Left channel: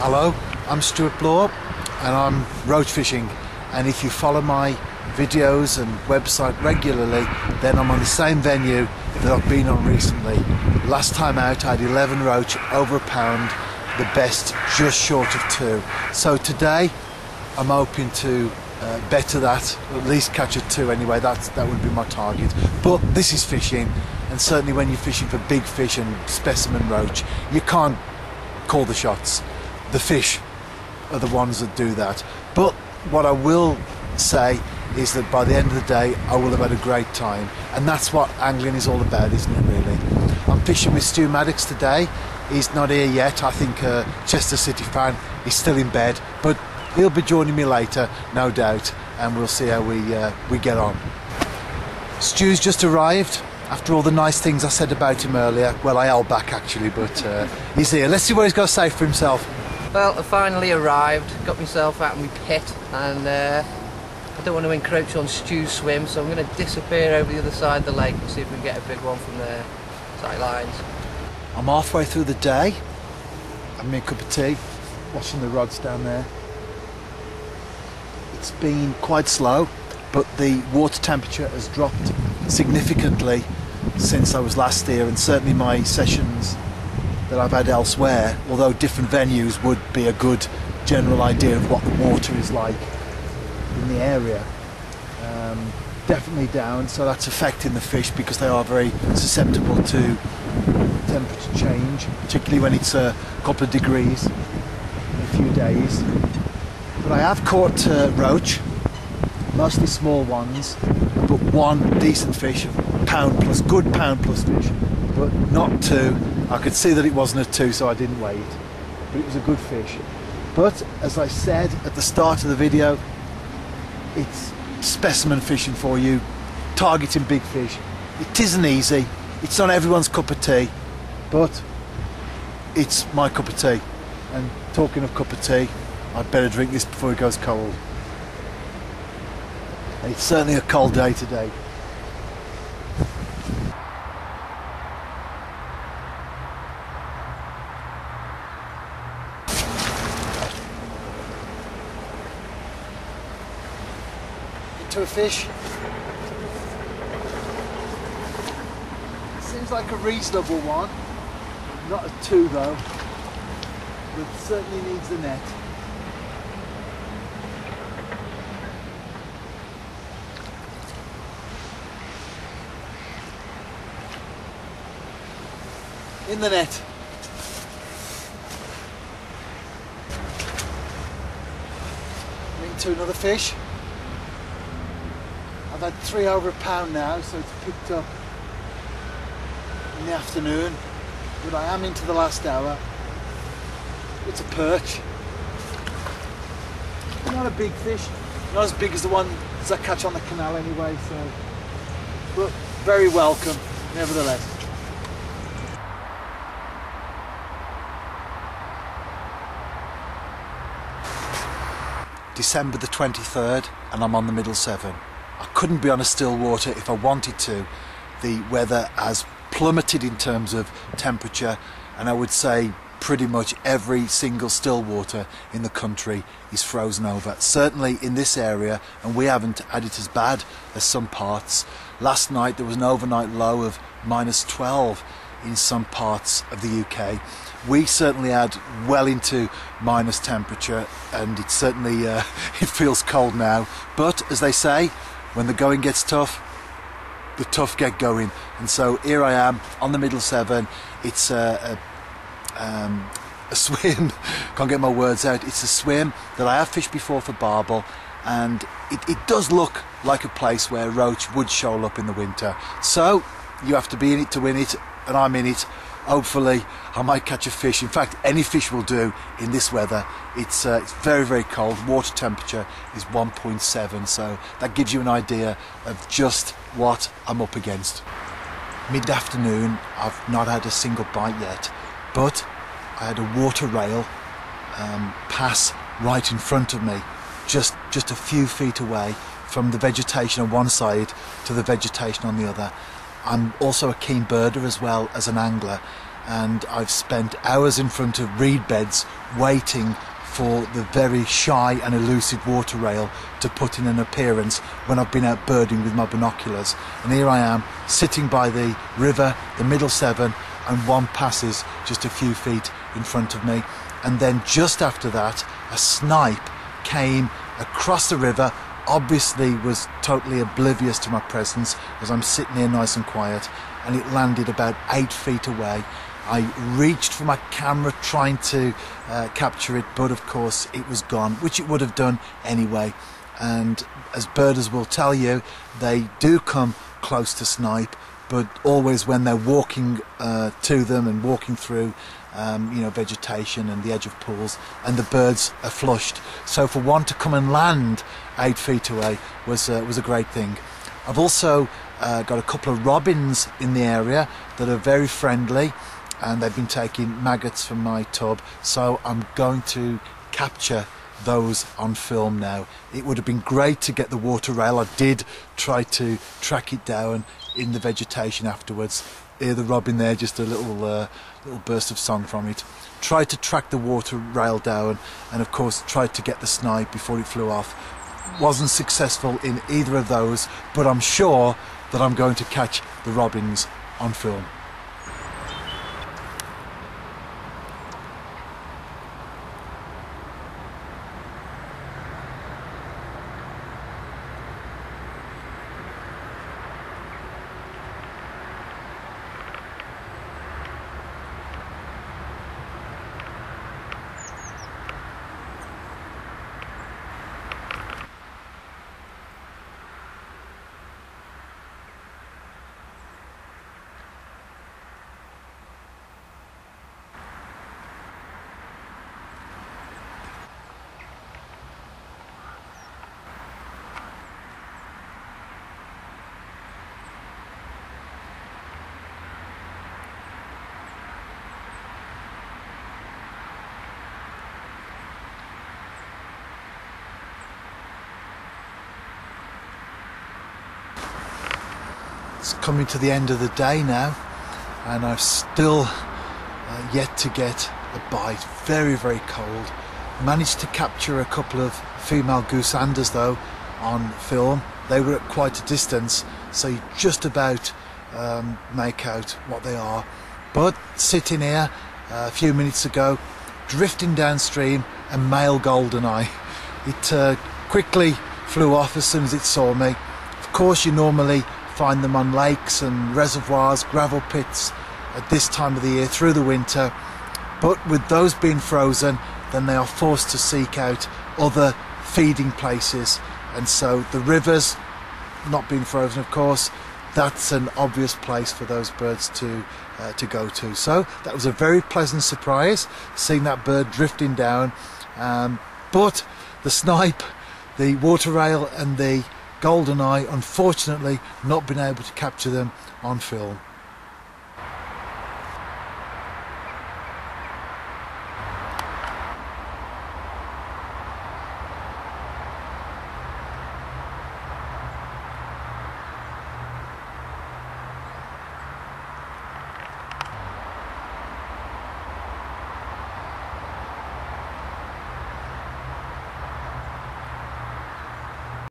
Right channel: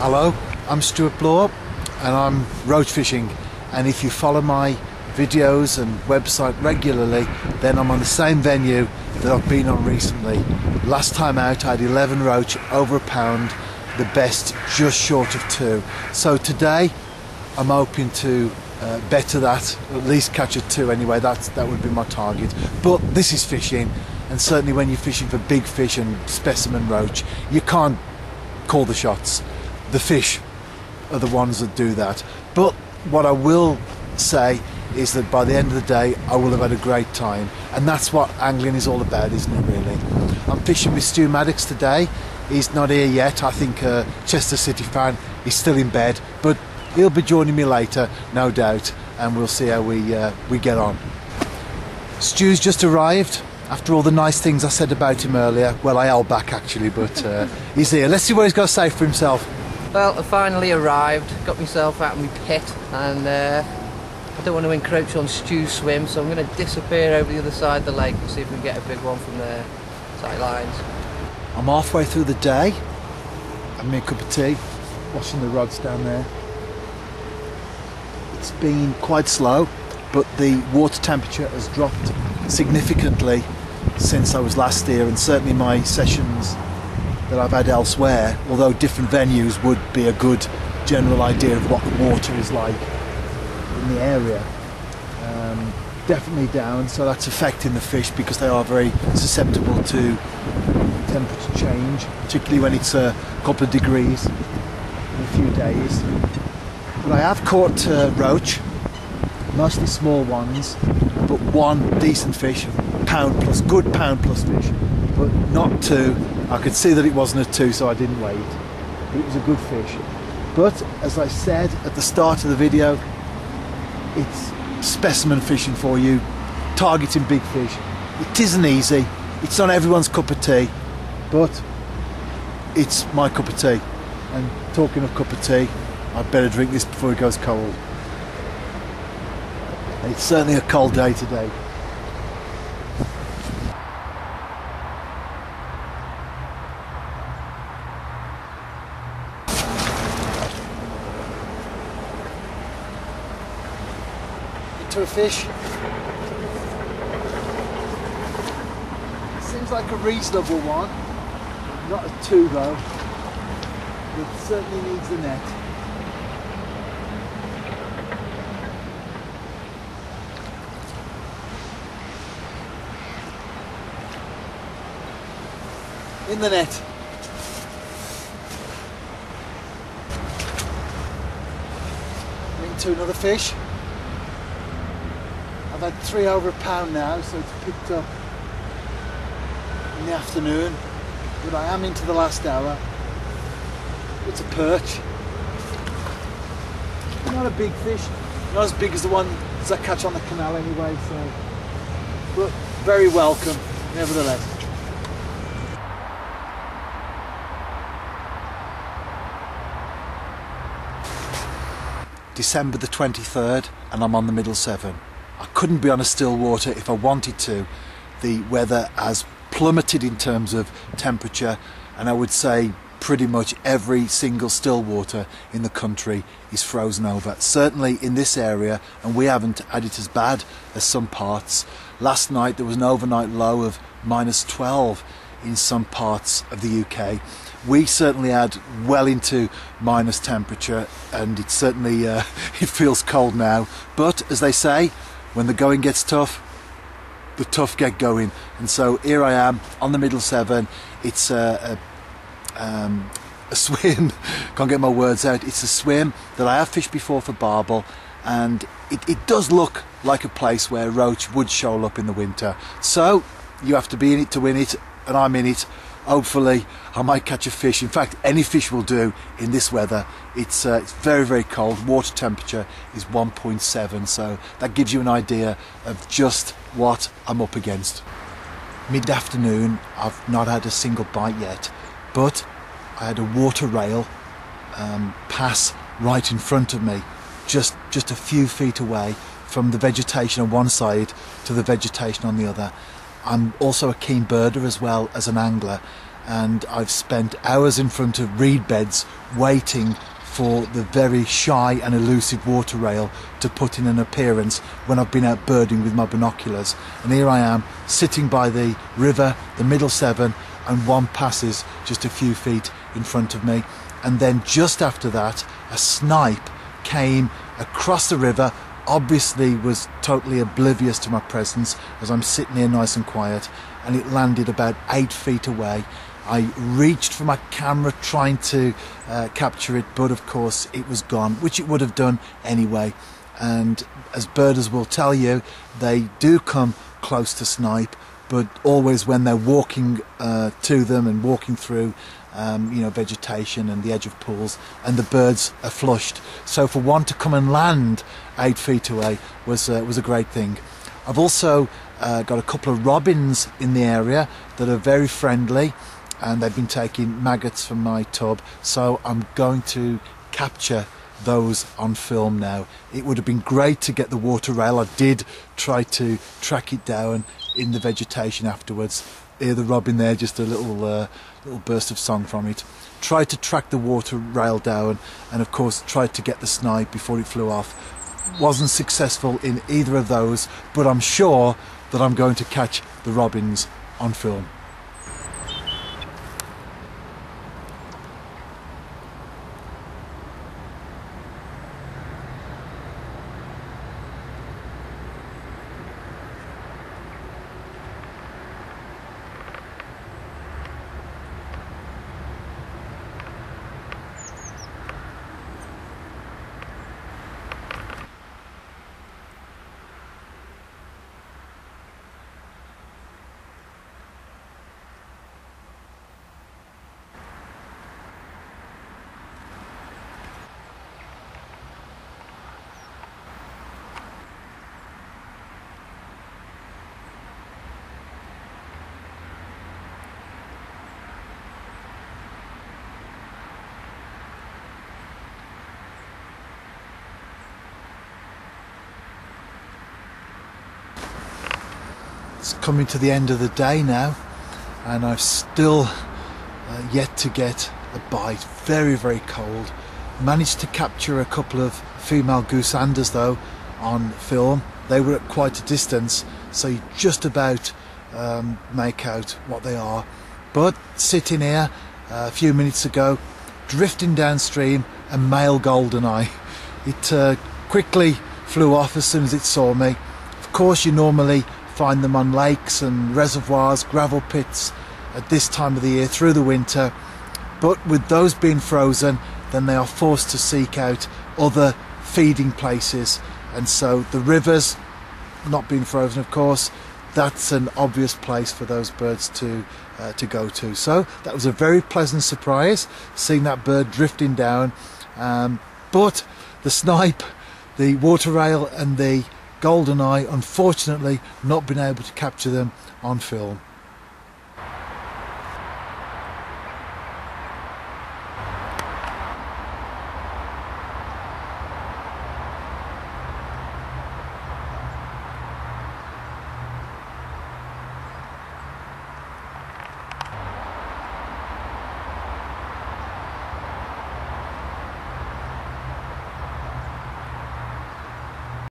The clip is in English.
Hello, I'm Stewart Bloor and I'm roach fishing, and if you follow my videos and website regularly, then I'm on the same venue that I've been on recently. Last time out I had 11 roach, over a pound, the best just short of 2. So today I'm hoping to better that, at least catch a 2 anyway. That would be my target. But this is fishing, and certainly when you're fishing for big fish and specimen roach, you can't call the shots. The fish are the ones that do that. But what I will say is that by the end of the day I will have had a great time, and that's what angling is all about, isn't it, really? I'm fishing with Stu Maddox today. He's not here yet. I think Chester City fan, he's still in bed, but he'll be joining me later, no doubt, and we'll see how we get on. Stu's just arrived after all the nice things I said about him earlier. Well, I held back actually, but he's here. Let's see what he's got to say for himself. Well, I finally arrived, got myself out of my pit, and I don't want to encroach on Stu's swim, so I'm going to disappear over the other side of the lake and see if we can get a big one from there. Tight lines. I'm halfway through the day, having me a cup of tea, washing the rods down there. It's been quite slow, but the water temperature has dropped significantly since I was last here, and certainly my sessions that I've had elsewhere, although different venues, would be a good general idea of what the water is like in the area. Definitely down, so that's affecting the fish because they are very susceptible to temperature change, particularly when it's a couple of degrees in a few days. But I have caught roach, mostly small ones, but one decent fish, pound plus, good pound plus fish, but not 2. I could see that it wasn't a 2, so I didn't wait, but it was a good fish. But as I said at the start of the video, it's specimen fishing for you, targeting big fish. It isn't easy, it's not everyone's cup of tea, but it's my cup of tea. And talking of cup of tea, I'd better drink this before it goes cold. It's certainly a cold day today. To a fish. Seems like a reasonable one. Not a 2 though, but certainly needs the net. In the net. Into another fish. I've had 3 over a pound now, so it's picked up in the afternoon, but I am into the last hour. It's a perch. Not a big fish, not as big as the ones I catch on the canal anyway, so, but very welcome nevertheless. December the 23rd, and I'm on the middle 7. I couldn't be on a still water if I wanted to. The weather has plummeted in terms of temperature, and I would say pretty much every single still water in the country is frozen over. Certainly in this area, and we haven't had it as bad as some parts. Last night there was an overnight low of -12 in some parts of the UK. We certainly had well into minus temperature, and it certainly it feels cold now. But as they say, when the going gets tough, the tough get going. And so here I am on the middle 7. It's a swim, can't get my words out. It's a swim that I have fished before for barbel, and it does look like a place where roach would show up in the winter. So you have to be in it to win it, and I'm in it. Hopefully I might catch a fish. In fact, any fish will do in this weather. It's very, very cold. Water temperature is 1.7, so that gives you an idea of just what I'm up against. Mid-afternoon, I've not had a single bite yet, but I had a water rail pass right in front of me, just a few feet away from the vegetation on one side to the vegetation on the other. I'm also a keen birder as well as an angler, and I've spent hours in front of reed beds waiting for the very shy and elusive water rail to put in an appearance when I've been out birding with my binoculars. And here I am, sitting by the river, the Middle Severn, and one passes just a few feet in front of me. And then just after that, a snipe came across the river, obviously was totally oblivious to my presence as I'm sitting here nice and quiet, and it landed about 8 feet away. I reached for my camera trying to capture it, but of course it was gone, which it would have done anyway. And as birders will tell you, they do come close to snipe, but always when they're walking to them and walking through vegetation and the edge of pools, and the birds are flushed. So for one to come and land 8 feet away was a great thing. I've also got a couple of robins in the area that are very friendly, and they've been taking maggots from my tub, so I'm going to capture those on film now. It would have been great to get the water rail. I did try to track it down in the vegetation afterwards. Hear the robin there, just a little burst of song from it. Tried to track the water rail down, and of course tried to get the snipe before it flew off. Wasn't successful in either of those, but I'm sure that I'm going to catch the robins on film. It's coming to the end of the day now, and I've still yet to get a bite. Very, very cold. Managed to capture a couple of female goosanders though on film. They were at quite a distance, so you just about make out what they are. But sitting here a few minutes ago, drifting downstream, a male goldeneye. It quickly flew off as soon as it saw me. Of course, you normally find them on lakes and reservoirs, gravel pits at this time of the year through the winter, but with those being frozen, then they are forced to seek out other feeding places, and so the rivers not being frozen, of course, that's an obvious place for those birds to go to. So that was a very pleasant surprise, seeing that bird drifting down, but the snipe, the water rail and the goldeneye, unfortunately not been able to capture them on film.